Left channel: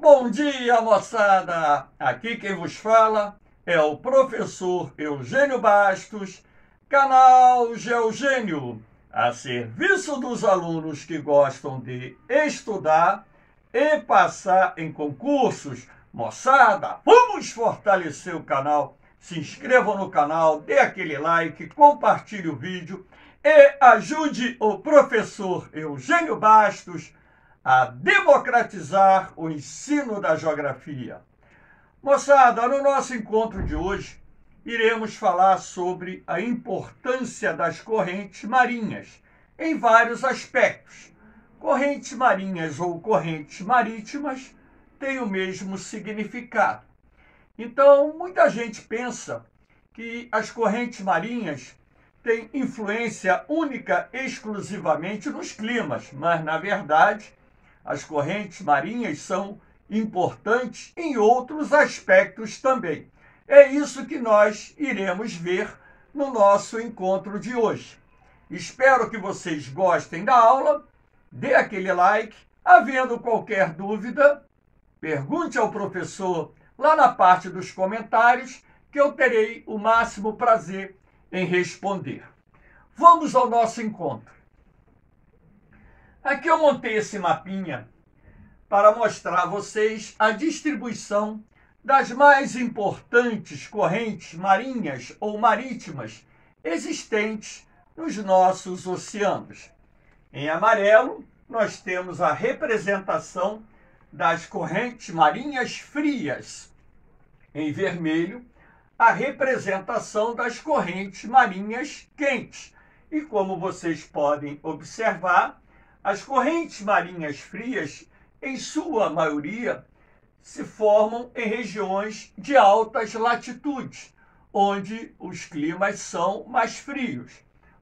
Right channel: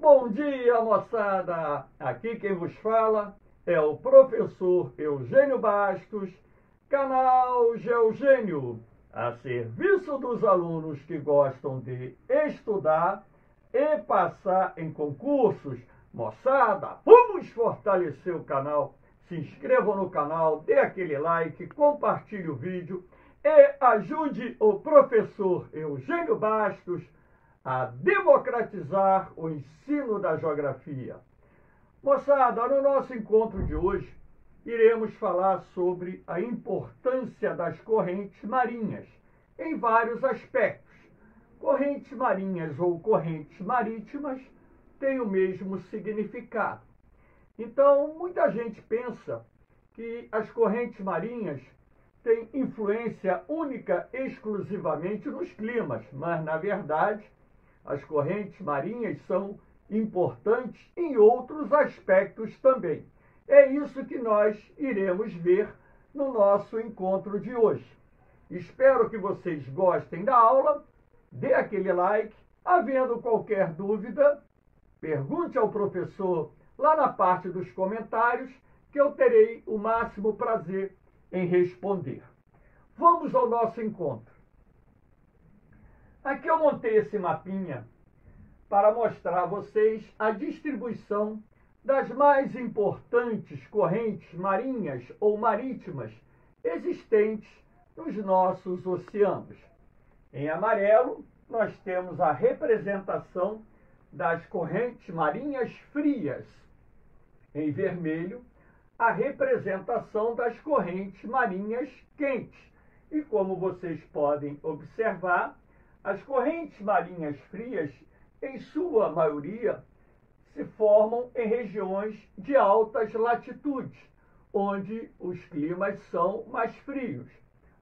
Bom dia, moçada! Aqui quem vos fala é o professor Eugênio Bastos, canal Geogênio, a serviço dos alunos que gostam de estudar e passar em concursos. Moçada, vamos fortalecer o canal. Se inscreva no canal, dê aquele like, compartilhe o vídeo e ajude o professor Eugênio Bastos a democratizar o ensino da geografia. Moçada, no nosso encontro de hoje, iremos falar sobre a importância das correntes marinhas em vários aspectos. Correntes marinhas ou correntes marítimas têm o mesmo significado. Então, muita gente pensa que as correntes marinhas têm influência única exclusivamente nos climas, mas, na verdade, as correntes marinhas são importantes em outros aspectos também. É isso que nós iremos ver no nosso encontro de hoje. Espero que vocês gostem da aula, dê aquele like. Havendo qualquer dúvida, pergunte ao professor lá na parte dos comentários, que eu terei o máximo prazer em responder. Vamos ao nosso encontro. Aqui eu montei esse mapinha para mostrar a vocês a distribuição das mais importantes correntes marinhas ou marítimas existentes nos nossos oceanos. Em amarelo, nós temos a representação das correntes marinhas frias. Em vermelho, a representação das correntes marinhas quentes. E como vocês podem observar, as correntes marinhas frias, em sua maioria, se formam em regiões de altas latitudes, onde os climas são mais frios,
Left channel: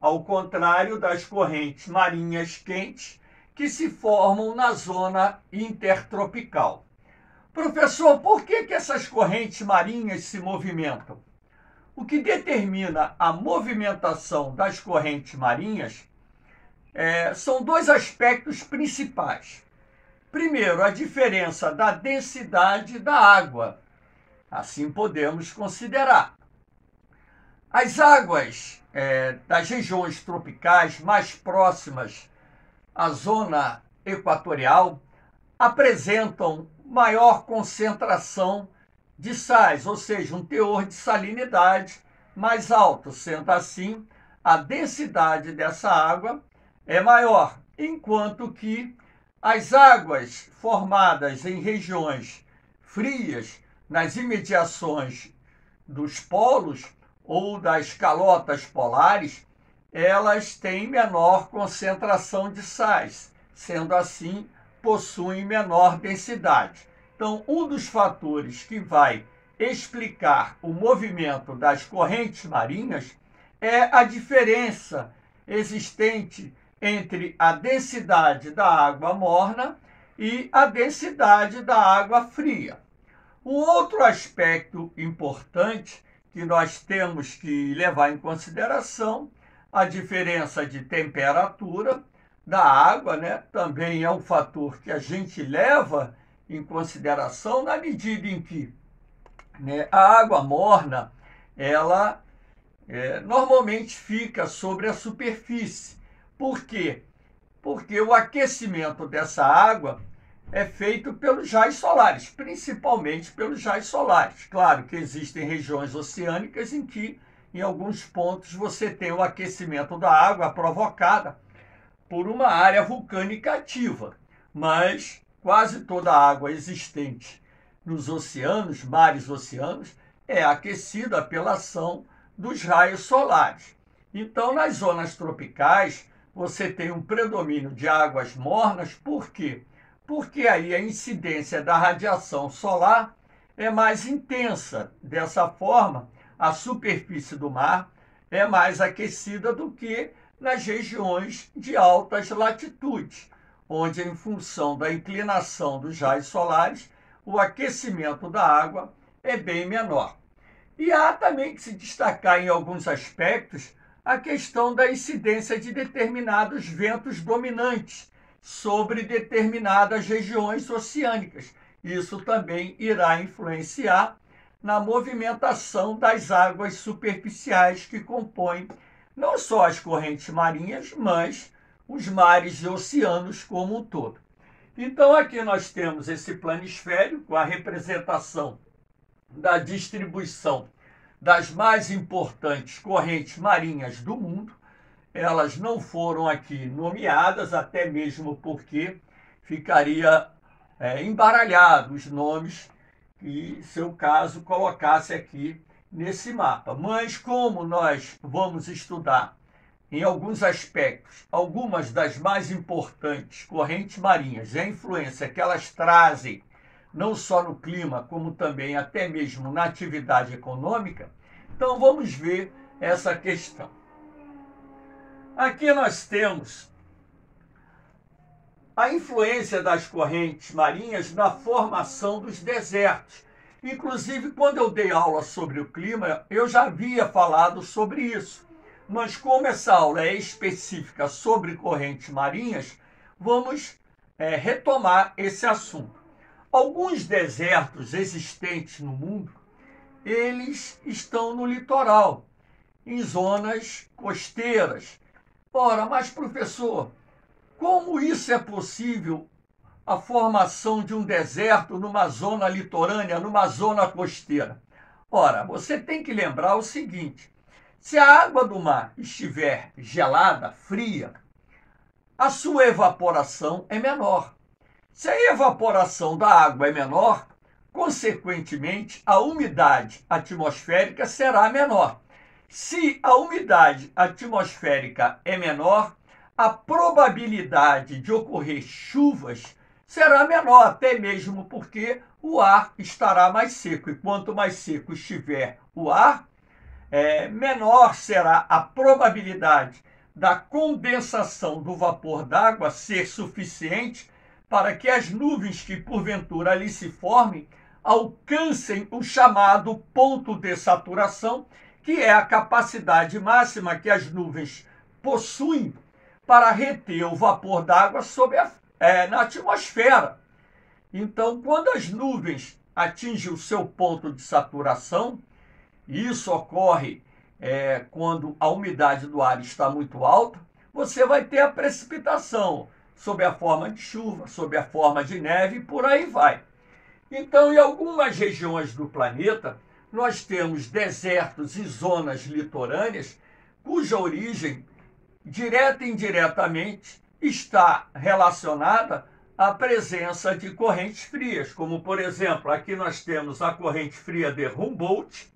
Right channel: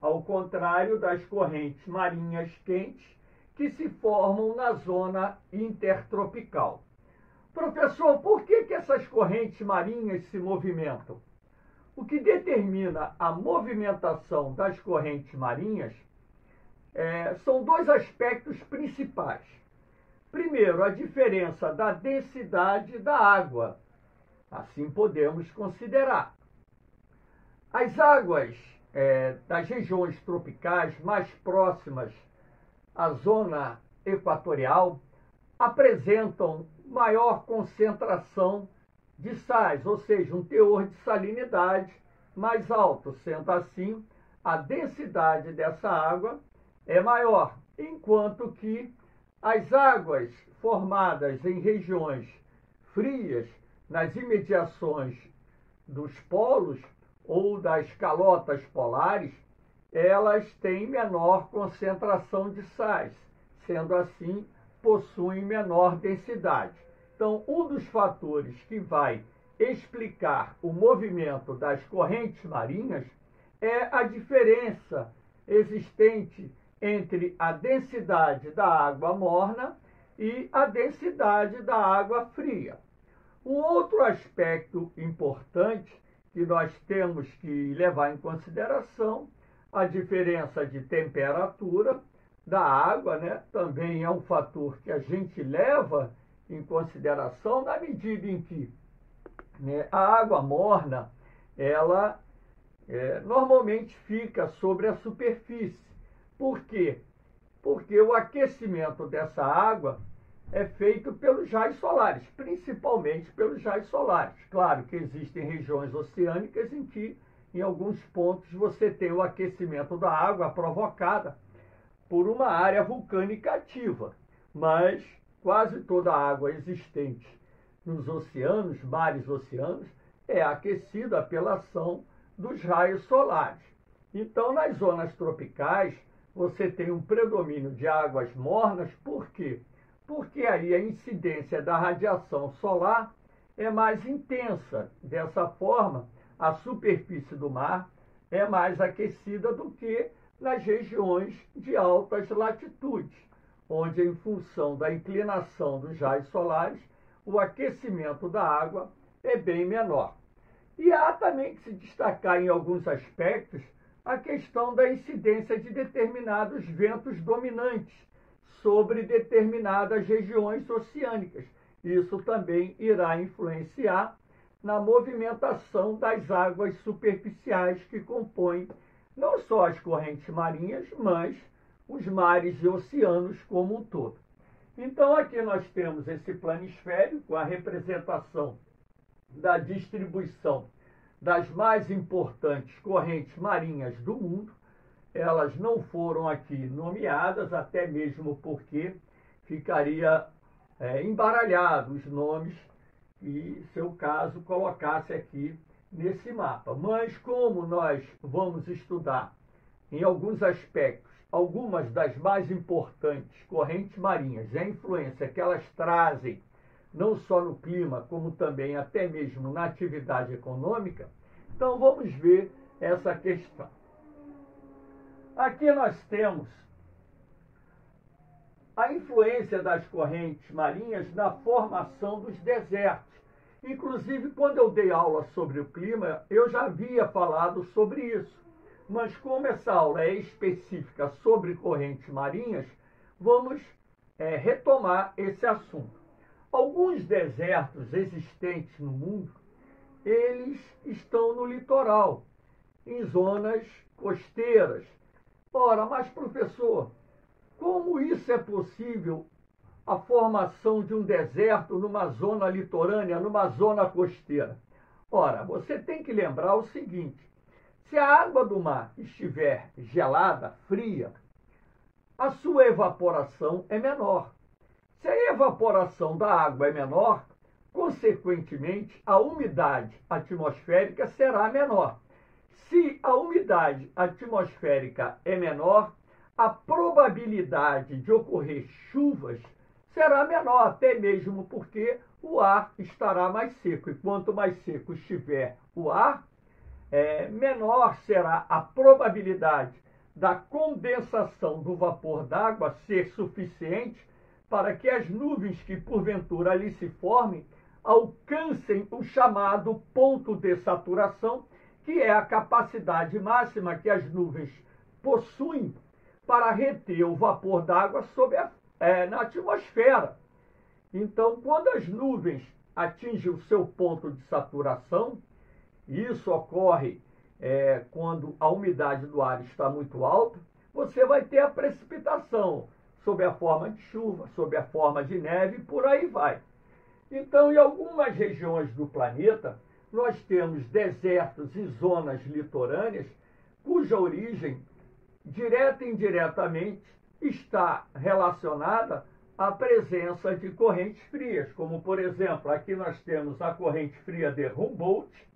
ao contrário das correntes marinhas quentes, que se formam na zona intertropical. Professor, por que essas correntes marinhas se movimentam? O que determina a movimentação das correntes marinhas são dois aspectos principais. Primeiro, a diferença da densidade da água. Assim podemos considerar. As águas das regiões tropicais mais próximas à zona equatorial apresentam maior concentração de sais, ou seja, um teor de salinidade mais alto. Sendo assim, a densidade dessa água é maior, enquanto que as águas formadas em regiões frias, nas imediações dos polos ou das calotas polares, elas têm menor concentração de sais, sendo assim, possuem menor densidade. Então, um dos fatores que vai explicar o movimento das correntes marinhas é a diferença existente entre a densidade da água morna e a densidade da água fria. Um outro aspecto importante que nós temos que levar em consideração, a diferença de temperatura da água, também é um fator que a gente leva em consideração na medida em que a água morna, ela normalmente fica sobre a superfície. Por quê? Porque o aquecimento dessa água é feito pelos raios solares, principalmente pelos raios solares. Claro que existem regiões oceânicas em que, em alguns pontos, você tem o aquecimento da água provocada por uma área vulcânica ativa, mas quase toda a água existente nos oceanos, mares oceanos, é aquecida pela ação dos raios solares. Então, nas zonas tropicais, você tem um predomínio de águas mornas. Por quê? Porque aí a incidência da radiação solar é mais intensa. Dessa forma, a superfície do mar é mais aquecida do que nas regiões de altas latitudes, onde, em função da inclinação dos raios solares, o aquecimento da água é bem menor. E há também que se destacar em alguns aspectos a questão da incidência de determinados ventos dominantes sobre determinadas regiões oceânicas. Isso também irá influenciar na movimentação das águas superficiais que compõem não só as correntes marinhas, mas os mares e oceanos como um todo. Então, aqui nós temos esse planisfério com a representação da distribuição das mais importantes correntes marinhas do mundo. Elas não foram aqui nomeadas, até mesmo porque ficaria embaralhado os nomes que, se o caso, colocasse aqui nesse mapa. Mas como nós vamos estudar em alguns aspectos algumas das mais importantes correntes marinhas e a influência que elas trazem não só no clima, como também até mesmo na atividade econômica, então vamos ver essa questão. Aqui nós temos a influência das correntes marinhas na formação dos desertos. Inclusive, quando eu dei aula sobre o clima, eu já havia falado sobre isso. Mas como essa aula é específica sobre correntes marinhas, vamos retomar esse assunto. Alguns desertos existentes no mundo, eles estão no litoral, em zonas costeiras. Ora, mas professor, como isso é possível, a formação de um deserto numa zona litorânea, numa zona costeira? Ora, você tem que lembrar o seguinte: se a água do mar estiver gelada, fria, a sua evaporação é menor. Se a evaporação da água é menor, consequentemente, a umidade atmosférica será menor. Se a umidade atmosférica é menor, a probabilidade de ocorrer chuvas será menor, até mesmo porque o ar estará mais seco. E quanto mais seco estiver o ar, menor será a probabilidade da condensação do vapor d'água ser suficiente para que as nuvens que porventura ali se formem alcancem o chamado ponto de saturação, que é a capacidade máxima que as nuvens possuem para reter o vapor d'água na atmosfera. Então, quando as nuvens atingem o seu ponto de saturação, isso ocorre quando a umidade do ar está muito alta, você vai ter a precipitação sob a forma de chuva, sob a forma de neve e por aí vai. Então, em algumas regiões do planeta, nós temos desertos e zonas litorâneas cuja origem, direta e indiretamente, está relacionada à presença de correntes frias, como, por exemplo, aqui nós temos a corrente fria de Humboldt,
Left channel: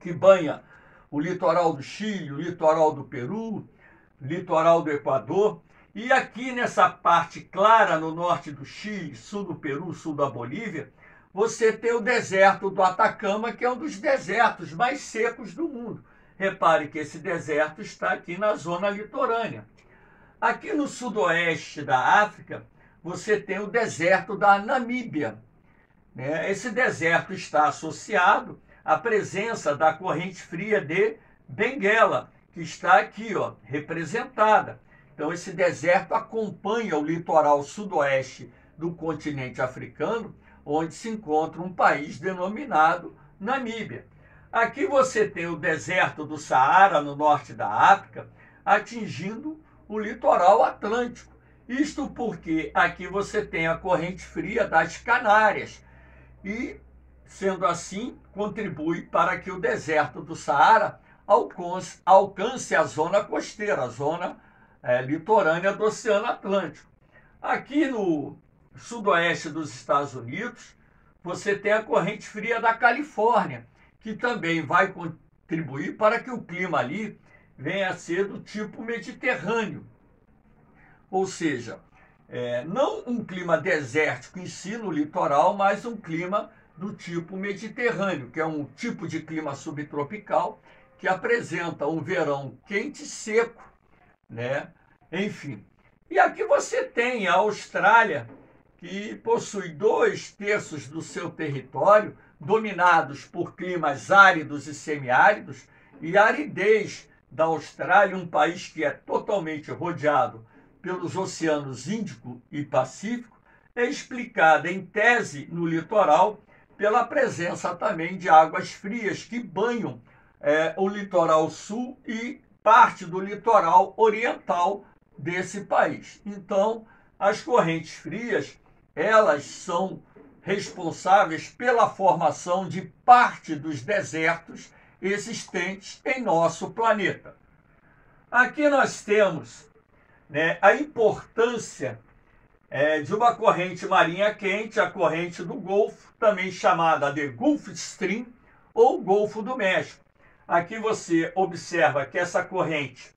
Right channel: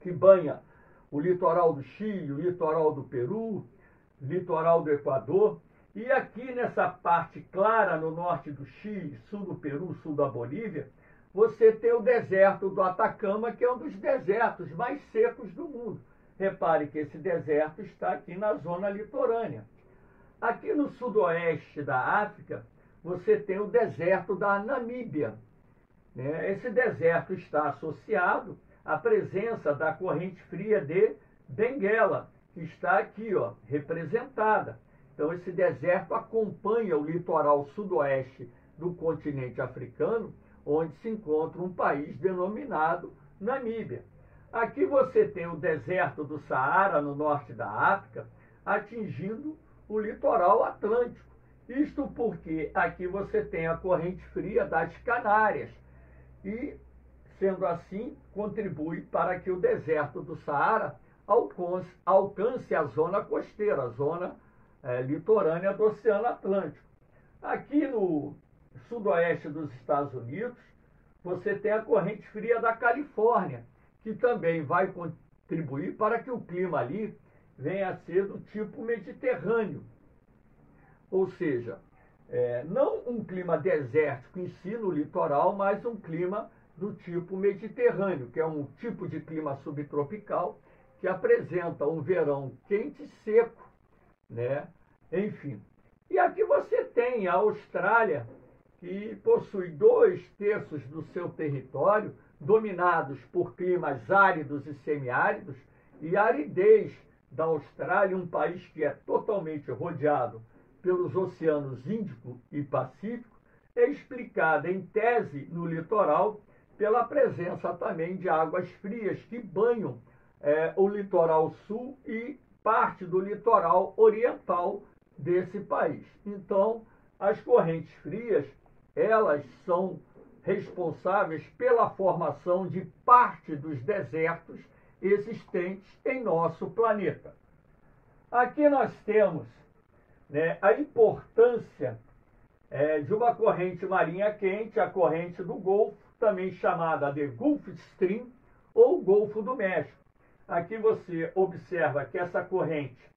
que banha o litoral do Chile, o litoral do Peru, o litoral do Equador. E aqui nessa parte clara, no norte do Chile, sul do Peru, sul da Bolívia, você tem o deserto do Atacama, que é um dos desertos mais secos do mundo. Repare que esse deserto está aqui na zona litorânea. Aqui no sudoeste da África, você tem o deserto da Namíbia. Esse deserto está associado à presença da corrente fria de Benguela, que está aqui, representada. Então, esse deserto acompanha o litoral sudoeste do continente africano, onde se encontra um país denominado Namíbia. Aqui você tem o deserto do Saara, no norte da África, atingindo o litoral atlântico. Isto porque aqui você tem a corrente fria das Canárias e, sendo assim, contribui para que o deserto do Saara alcance a zona costeira, a zona litorânea do Oceano Atlântico. Aqui no sudoeste dos Estados Unidos, você tem a corrente fria da Califórnia, que também vai contribuir para que o clima ali venha a ser do tipo mediterrâneo. Ou seja, não um clima desértico em si no litoral, mas um clima do tipo mediterrâneo, que é um tipo de clima subtropical que apresenta um verão quente e seco, Enfim. E aqui você tem a Austrália, que possui 2/3 do seu território dominados por climas áridos e semiáridos, e a aridez da Austrália, um país que é totalmente rodeado pelos oceanos Índico e Pacífico, é explicada em tese no litoral pela presença também de águas frias que banham o litoral sul e parte do litoral oriental desse país. Então, as correntes frias, elas são responsáveis pela formação de parte dos desertos existentes em nosso planeta. Aqui nós temos, né, a importância de uma corrente marinha quente, a corrente do Golfo, também chamada de Gulf Stream ou Golfo do México. Aqui você observa que essa corrente,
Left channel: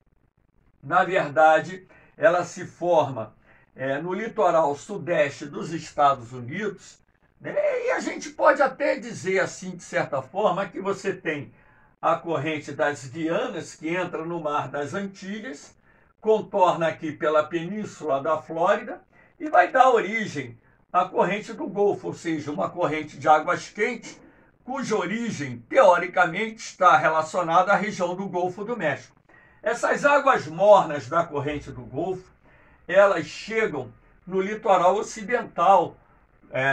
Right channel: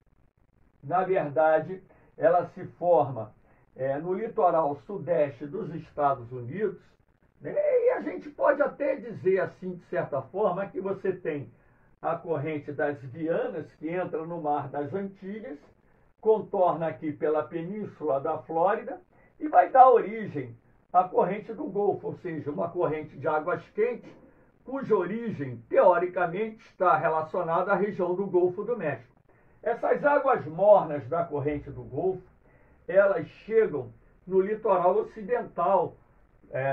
na verdade, ela se forma no litoral sudeste dos Estados Unidos, né? E a gente pode até dizer assim, de certa forma, que você tem a corrente das Guianas, que entra no Mar das Antilhas, contorna aqui pela península da Flórida e vai dar origem à corrente do Golfo, ou seja, uma corrente de águas quentes, cuja origem, teoricamente, está relacionada à região do Golfo do México. Essas águas mornas da corrente do Golfo, elas chegam no litoral ocidental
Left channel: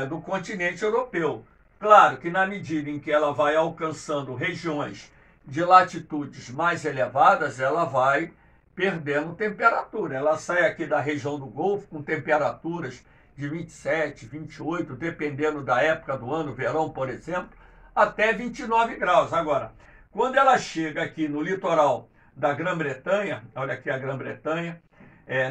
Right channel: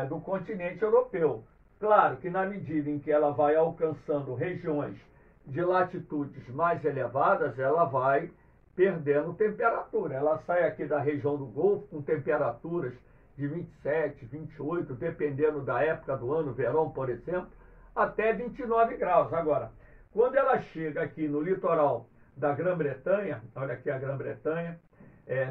do continente europeu. Claro que na medida em que ela vai alcançando regiões de latitudes mais elevadas, ela vai perdendo temperatura. Ela sai aqui da região do Golfo com temperaturas de 27, 28, dependendo da época do ano, verão, por exemplo, até 29 graus. Agora, quando ela chega aqui no litoral da Grã-Bretanha, olha aqui a Grã-Bretanha,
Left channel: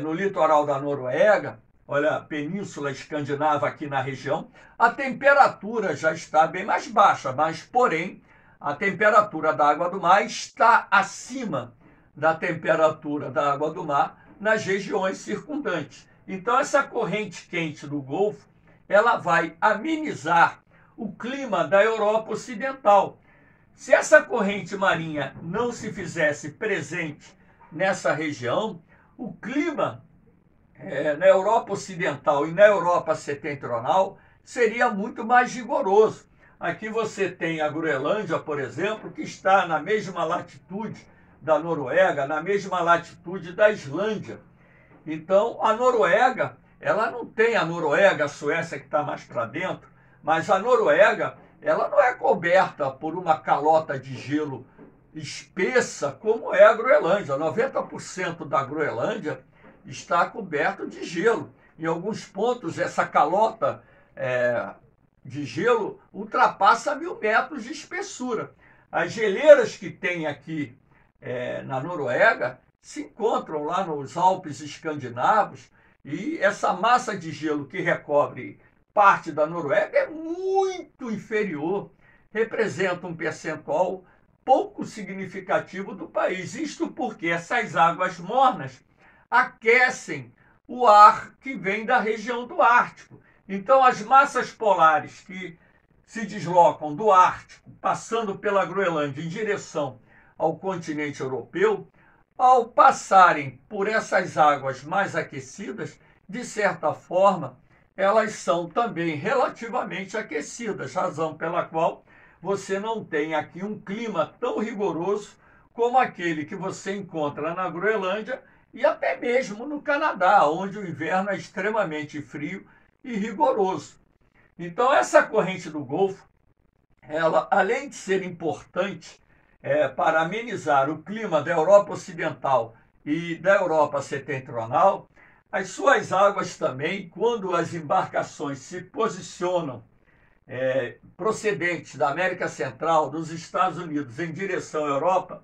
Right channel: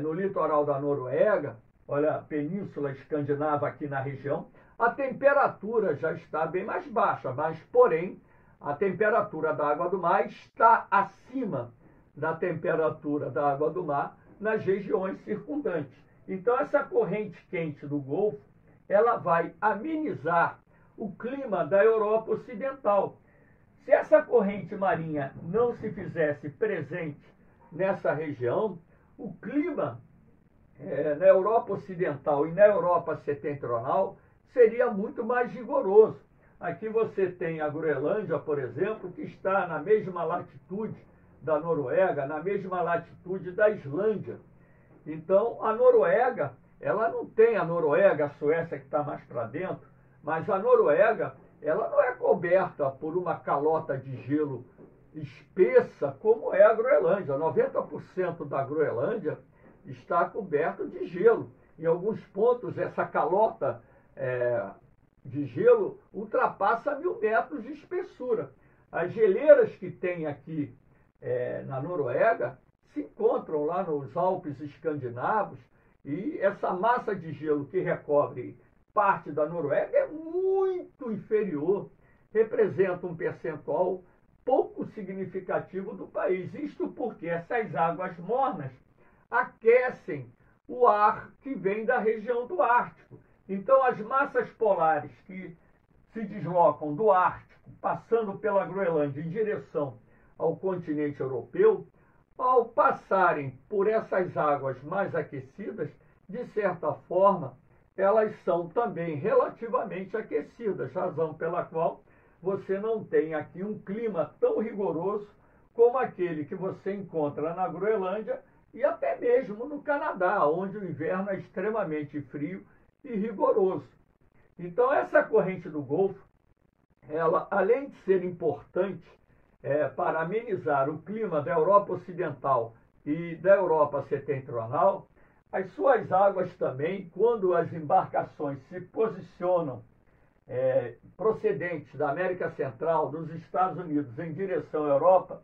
no litoral da Noruega, olha a península escandinava aqui na região, a temperatura já está bem mais baixa, mas, porém, a temperatura da água do mar está acima da temperatura da água do mar nas regiões circundantes. Então, essa corrente quente do Golfo, ela vai amenizar o clima da Europa Ocidental. Se essa corrente marinha não se fizesse presente nessa região, o clima na Europa Ocidental e na Europa Setentrional seria muito mais rigoroso. Aqui você tem a Groenlândia, por exemplo, que está na mesma latitude da Noruega, na mesma latitude da Islândia. Então, a Noruega, ela não tem a Noruega, a Suécia que está mais para dentro, mas a Noruega, ela não é coberta por uma calota de gelo espessa como é a Groenlândia. 90% da Groenlândia está coberto de gelo. Em alguns pontos, essa calota de gelo ultrapassa 1.000 metros de espessura. As geleiras que tem aqui na Noruega se encontram lá nos Alpes escandinavos, e essa massa de gelo que recobre parte da Noruega é muito inferior, representa um percentual pouco significativo do país. Isto porque essas águas mornas aquecem o ar que vem da região do Ártico. Então, as massas polares que se deslocam do Ártico, passando pela Groenlândia em direção ao continente europeu, ao passarem por essas águas mais aquecidas, de certa forma, elas são também relativamente aquecidas, razão pela qual você não tem aqui um clima tão rigoroso como aquele que você encontra na Groenlândia e até mesmo no Canadá, onde o inverno é extremamente frio e rigoroso. Então, essa corrente do Golfo, ela, além de ser importante para amenizar o clima da Europa Ocidental e da Europa Setentrional, as suas águas também, quando as embarcações se posicionam procedentes da América Central, dos Estados Unidos, em direção à Europa,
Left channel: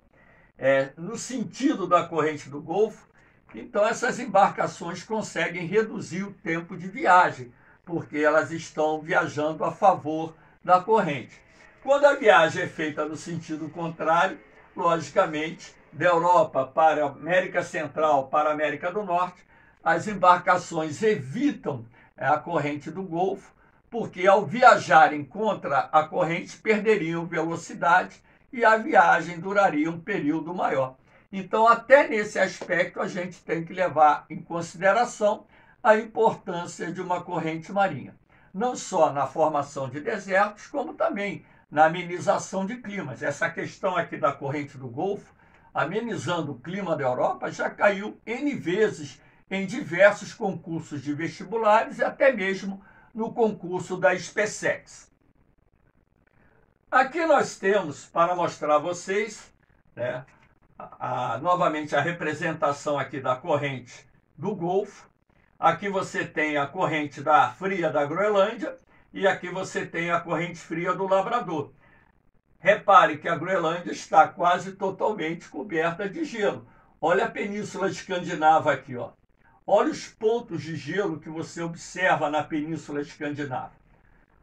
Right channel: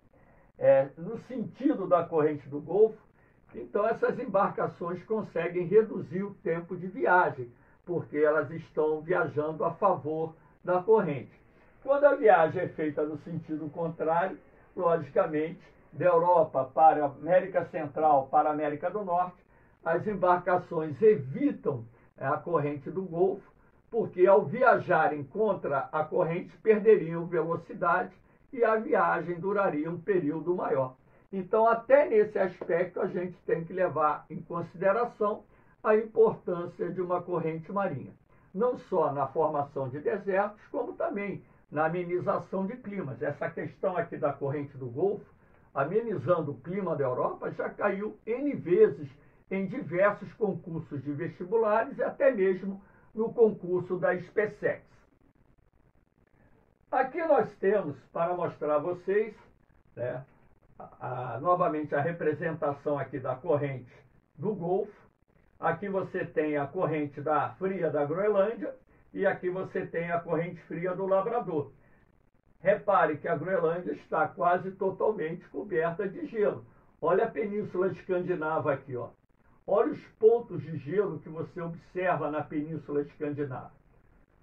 no sentido da corrente do Golfo, então essas embarcações conseguem reduzir o tempo de viagem, porque elas estão viajando a favor da corrente. Quando a viagem é feita no sentido contrário, logicamente, da Europa para a América Central, para a América do Norte, as embarcações evitam a corrente do Golfo, porque ao viajarem contra a corrente perderiam velocidade e a viagem duraria um período maior. Então, até nesse aspecto, a gente tem que levar em consideração a importância de uma corrente marinha, não só na formação de desertos, como também na amenização de climas. Essa questão aqui da corrente do Golfo, amenizando o clima da Europa, já caiu N vezes em diversos concursos de vestibulares e até mesmo no concurso da SpaceX. Aqui nós temos, para mostrar a vocês, né, novamente a representação aqui da corrente do Golfo. Aqui você tem a corrente fria da Groenlândia e aqui você tem a corrente fria do Labrador. Repare que a Groenlândia está quase totalmente coberta de gelo. Olha a Península Escandinava aqui, ó. Olha os pontos de gelo que você observa na Península Escandinava.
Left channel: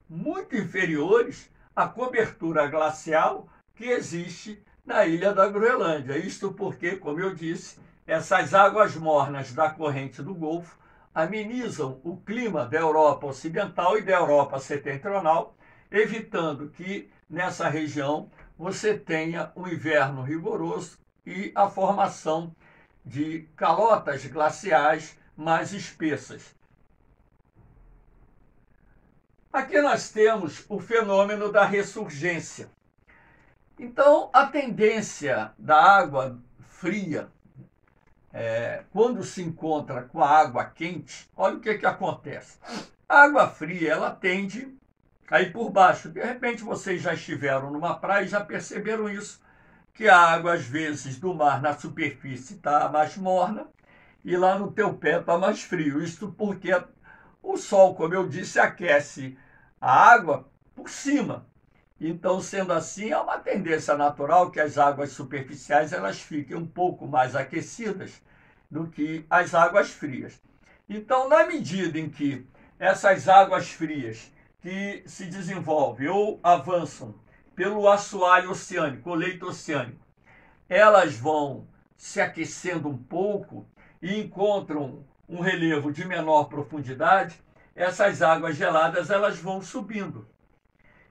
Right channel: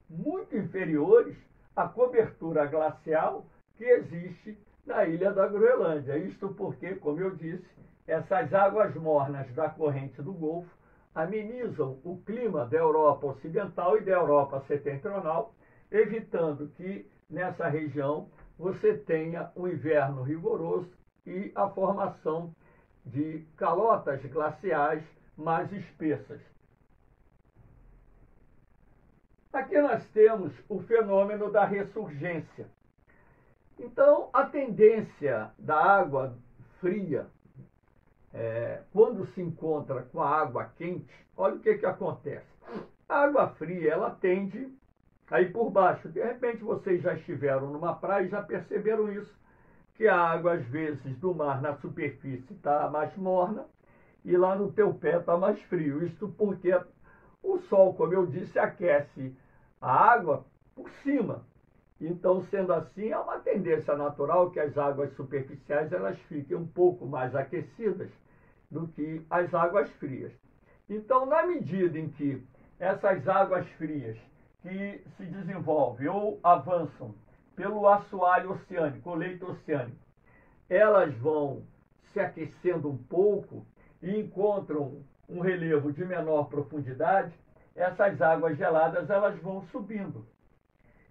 Muito inferiores à cobertura glacial que existe na ilha da Groenlândia. Isto porque, como eu disse, essas águas mornas da corrente do Golfo amenizam o clima da Europa Ocidental e da Europa Setentrional, evitando que nessa região você tenha um inverno rigoroso e a formação de calotas glaciais mais espessas. Aqui nós temos o fenômeno da ressurgência. Então, a tendência da água fria, quando se encontra com a água quente, olha o que acontece. A água fria, ela tende a ir por baixo. De repente, vocês já estiveram numa praia e já perceberam isso, que a água, às vezes, do mar na superfície está mais morna e lá no teu pé está mais frio. Isto porque o sol, como eu disse, aquece a água por cima. Então, sendo assim, há uma tendência natural que as águas superficiais elas fiquem um pouco mais aquecidas do que as águas frias. Então, na medida em que essas águas frias que se desenvolvem ou avançam pelo assoalho oceânico, o leito oceânico, elas vão se aquecendo um pouco e encontram um relevo de menor profundidade, essas águas geladas elas vão subindo.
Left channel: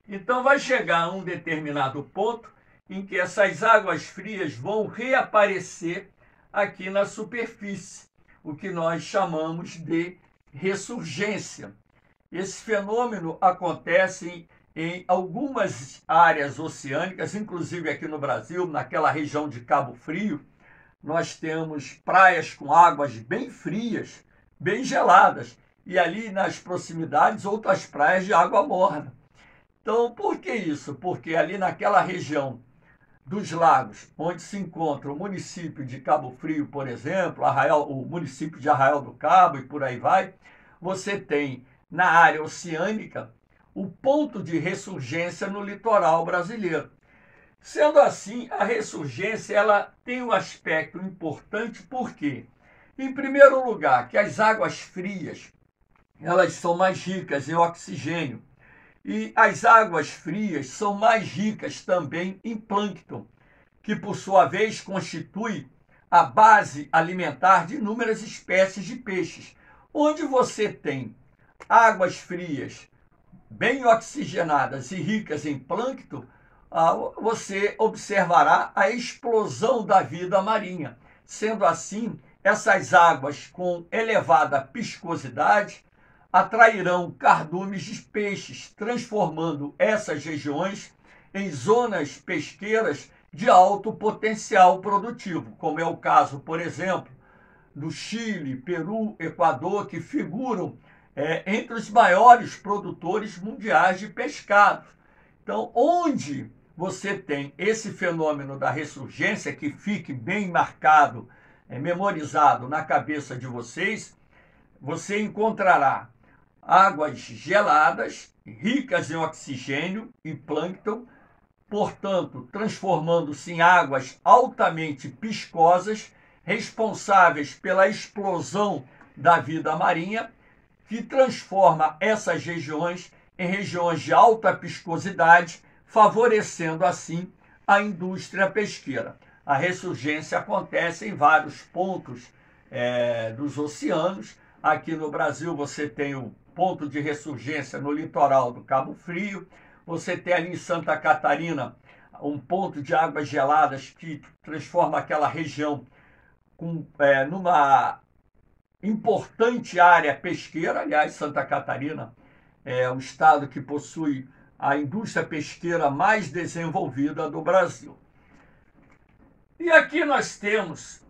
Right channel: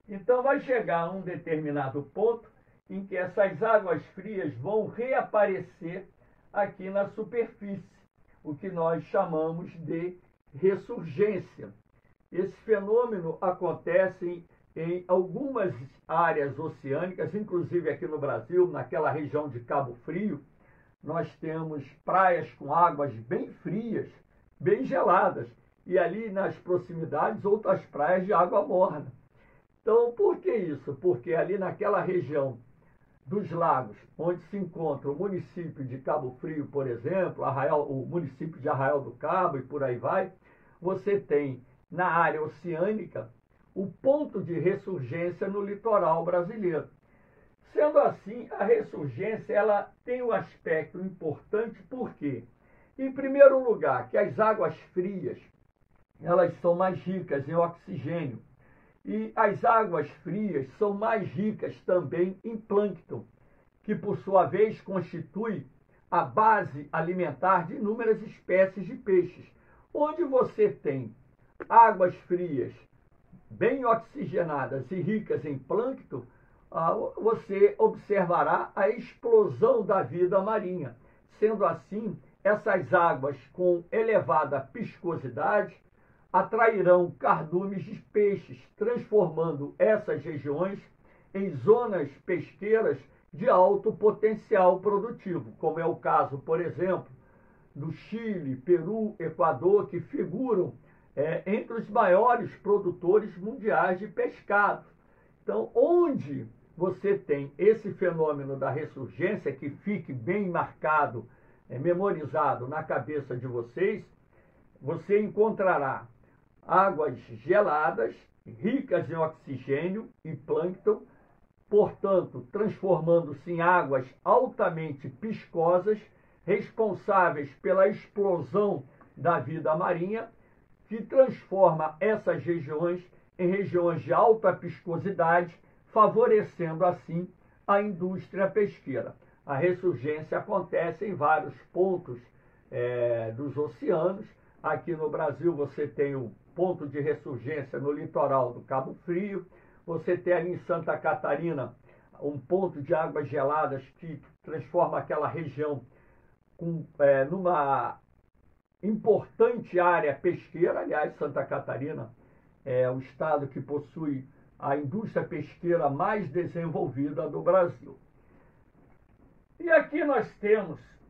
Então vai chegar a um determinado ponto em que essas águas frias vão reaparecer aqui na superfície, o que nós chamamos de ressurgência. Esse fenômeno acontece em algumas áreas oceânicas, inclusive aqui no Brasil, naquela região de Cabo Frio, nós temos praias com águas bem frias, bem geladas, e ali nas proximidades outras praias de água morna. Então, por que isso? Porque ali naquela região dos lagos, onde se encontra o município de Cabo Frio, por exemplo, o município de Arraial do Cabo e por aí vai, você tem na área oceânica o ponto de ressurgência no litoral brasileiro. Sendo assim, a ressurgência ela tem um aspecto importante, porque, em primeiro lugar, que as águas frias elas são mais ricas em oxigênio. E as águas frias são mais ricas também em plâncton, que por sua vez constitui a base alimentar de inúmeras espécies de peixes. Onde você tem águas frias bem oxigenadas e ricas em plâncton, você observará a explosão da vida marinha. Sendo assim, essas águas com elevada piscosidade atrairão cardumes de peixes, transformando essas regiões em zonas pesqueiras de alto potencial produtivo, como é o caso, por exemplo, do Chile, Peru, Equador, que figuram entre os maiores produtores mundiais de pescado. Então, onde você tem esse fenômeno da ressurgência, que fique bem marcado, memorizado na cabeça de vocês, você encontrará águas geladas, ricas em oxigênio e plâncton, portanto, transformando-se em águas altamente piscosas, responsáveis pela explosão da vida marinha, que transforma essas regiões em regiões de alta piscosidade, favorecendo assim a indústria pesqueira. A ressurgência acontece em vários pontos dos oceanos. Aqui no Brasil você tem o ponto de ressurgência no litoral do Cabo Frio, você tem ali em Santa Catarina um ponto de águas geladas que transforma aquela região numa importante área pesqueira. Aliás, Santa Catarina é o estado que possui a indústria pesqueira mais desenvolvida do Brasil. E aqui nós temos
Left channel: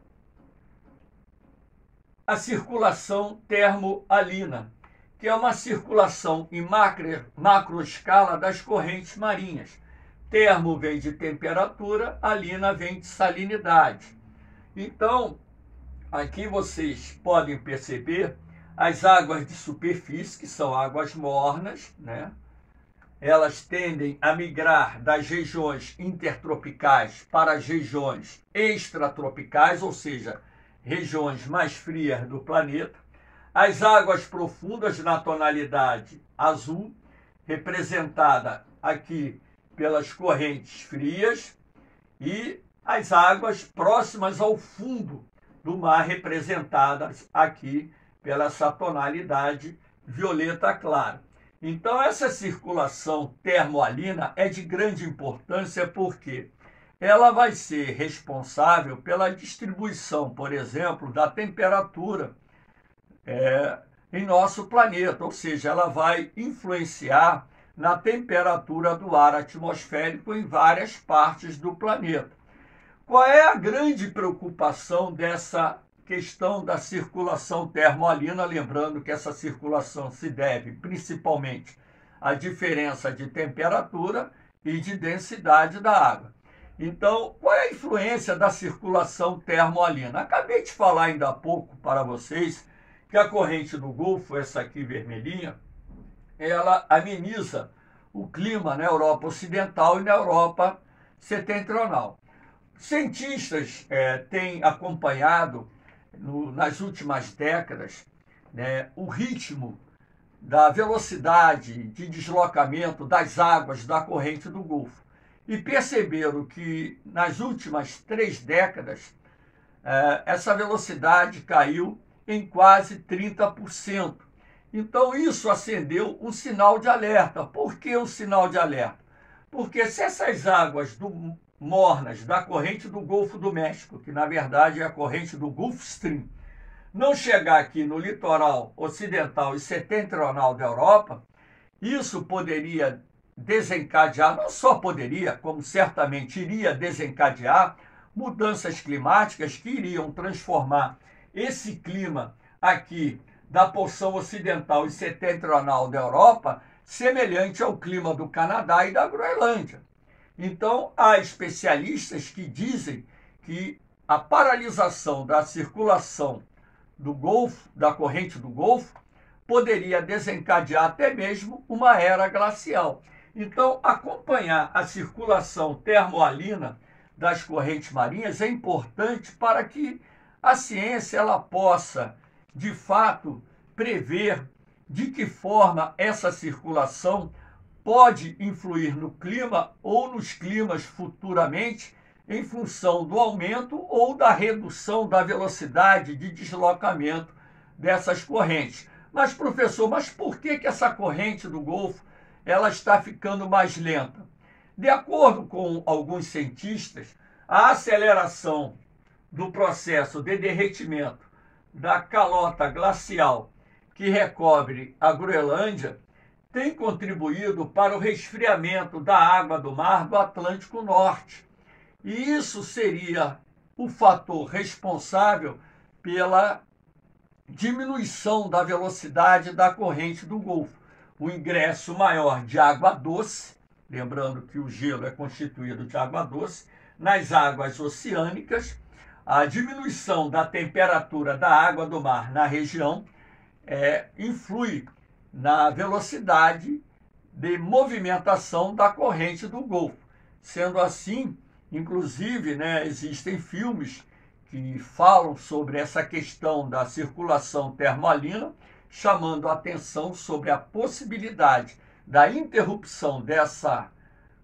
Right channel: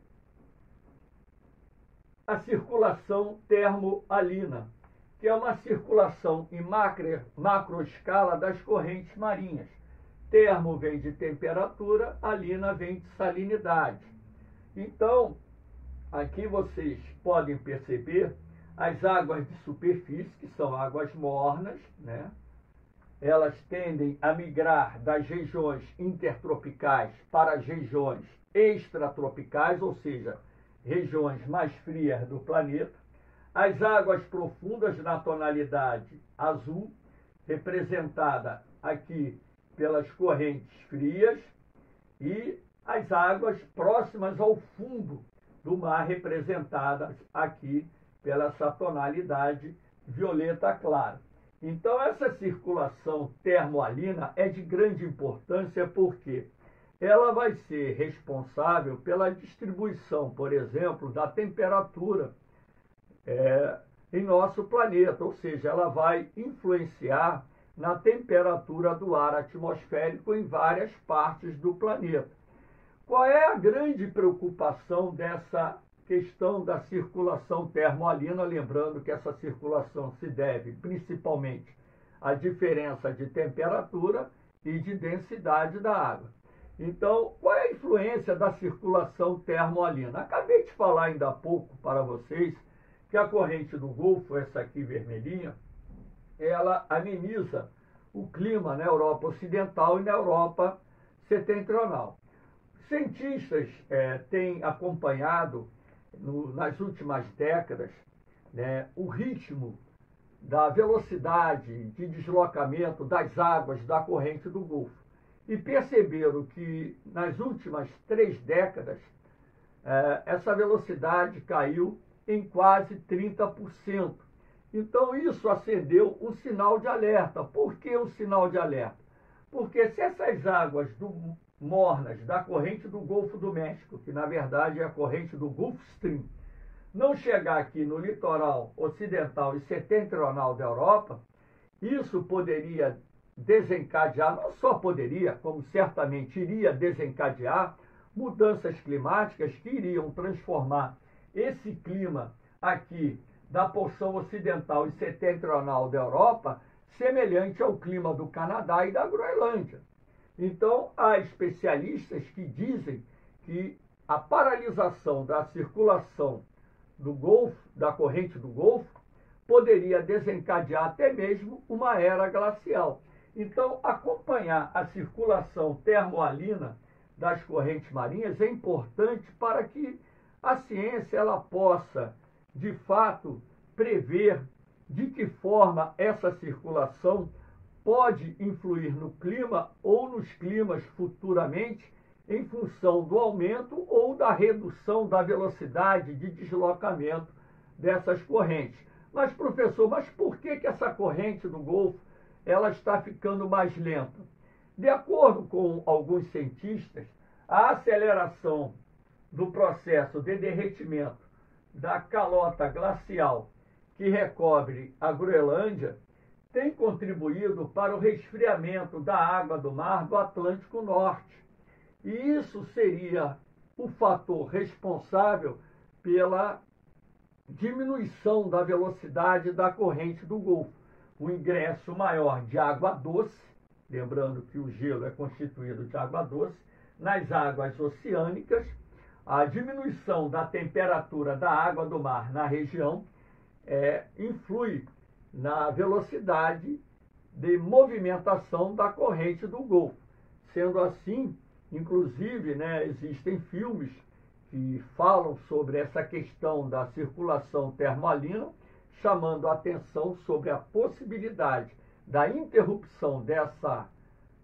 a circulação termoalina, que é uma circulação em macroescala das correntes marinhas. Termo vem de temperatura, alina vem de salinidade. Então, aqui vocês podem perceber as águas de superfície, que são águas mornas, né? Elas tendem a migrar das regiões intertropicais para as regiões extratropicais, ou seja, regiões mais frias do planeta. As águas profundas na tonalidade azul, representada aqui pelas correntes frias, e as águas próximas ao fundo do mar, representadas aqui pela essa tonalidade violeta clara. Então, essa circulação termoalina é de grande importância porque ela vai ser responsável pela distribuição, por exemplo, da temperatura em nosso planeta, ou seja, ela vai influenciar na temperatura do ar atmosférico em várias partes do planeta. Qual é a grande preocupação dessa questão da circulação termoalina? Lembrando que essa circulação se deve principalmente à diferença de temperatura e de densidade da água. Então, qual é a influência da circulação termoalina? Acabei de falar ainda há pouco para vocês que a corrente do Golfo, essa aqui vermelhinha, ela ameniza o clima na Europa Ocidental e na Europa Setentrional. Cientistas têm acompanhado nas últimas décadas, né, o ritmo da velocidade de deslocamento das águas da corrente do Golfo e perceberam que nas últimas 3 décadas essa velocidade caiu em quase 30%. Então isso acendeu um sinal de alerta. Por que um sinal de alerta? Porque se essas águas mornas da corrente do Golfo do México, que na verdade é a corrente do Gulf Stream, não chegar aqui no litoral ocidental e setentrional da Europa, isso poderia desencadear, não só poderia, como certamente iria desencadear, mudanças climáticas que iriam transformar esse clima aqui da porção ocidental e setentrional da Europa semelhante ao clima do Canadá e da Groenlândia. Então, há especialistas que dizem que a paralisação da circulação do Golfo, da corrente do Golfo, poderia desencadear até mesmo uma era glacial. Então, acompanhar a circulação termoalina das correntes marinhas é importante para que a ciência ela possa, de fato, prever de que forma essa circulação pode influir no clima ou nos climas futuramente em função do aumento ou da redução da velocidade de deslocamento dessas correntes. Mas, professor, por que essa corrente do Golfo ela está ficando mais lenta? De acordo com alguns cientistas, a aceleração do processo de derretimento da calota glacial que recobre a Groenlândia tem contribuído para o resfriamento da água do mar do Atlântico Norte. E isso seria o fator responsável pela diminuição da velocidade da corrente do Golfo. O ingresso maior de água doce, lembrando que o gelo é constituído de água doce, nas águas oceânicas, a diminuição da temperatura da água do mar na região influi na velocidade de movimentação da corrente do Golfo. Sendo assim, inclusive, existem filmes que falam sobre essa questão da circulação termoalina, chamando a atenção sobre a possibilidade da interrupção dessa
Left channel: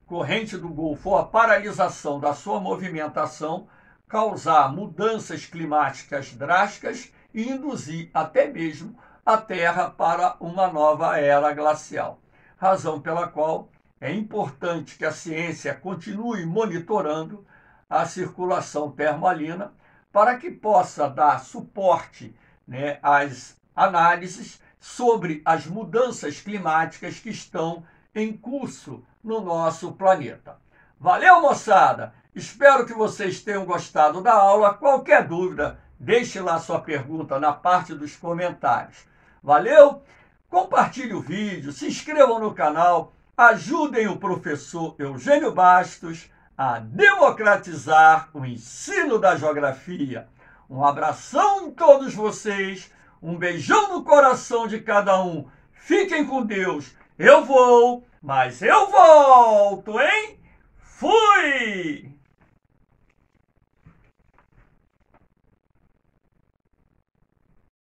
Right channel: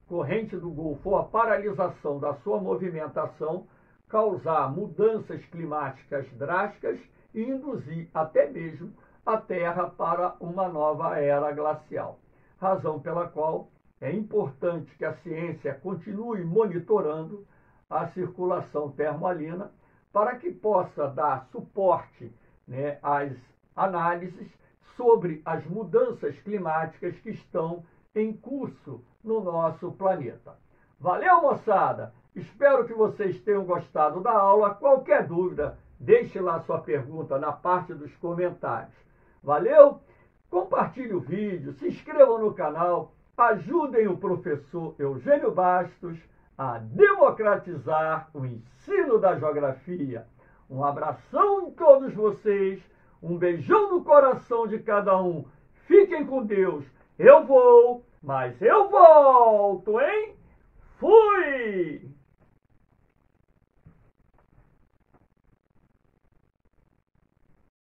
corrente do Golfo ou a paralisação da sua movimentação causar mudanças climáticas drásticas e induzir até mesmo a Terra para uma nova era glacial. Razão pela qual é importante que a ciência continue monitorando a circulação termoalina para que possa dar suporte às análises sobre as mudanças climáticas que estão em curso no nosso planeta. Valeu, moçada! Espero que vocês tenham gostado da aula. Qualquer dúvida, Deixe lá sua pergunta na parte dos comentários. Valeu? Compartilhe o vídeo, se inscrevam no canal, ajudem o professor Eugênio Bastos a democratizar o ensino da geografia. Um abração em todos vocês, um beijão no coração de cada um. Fiquem com Deus. Eu vou, mas eu volto, hein? Fui!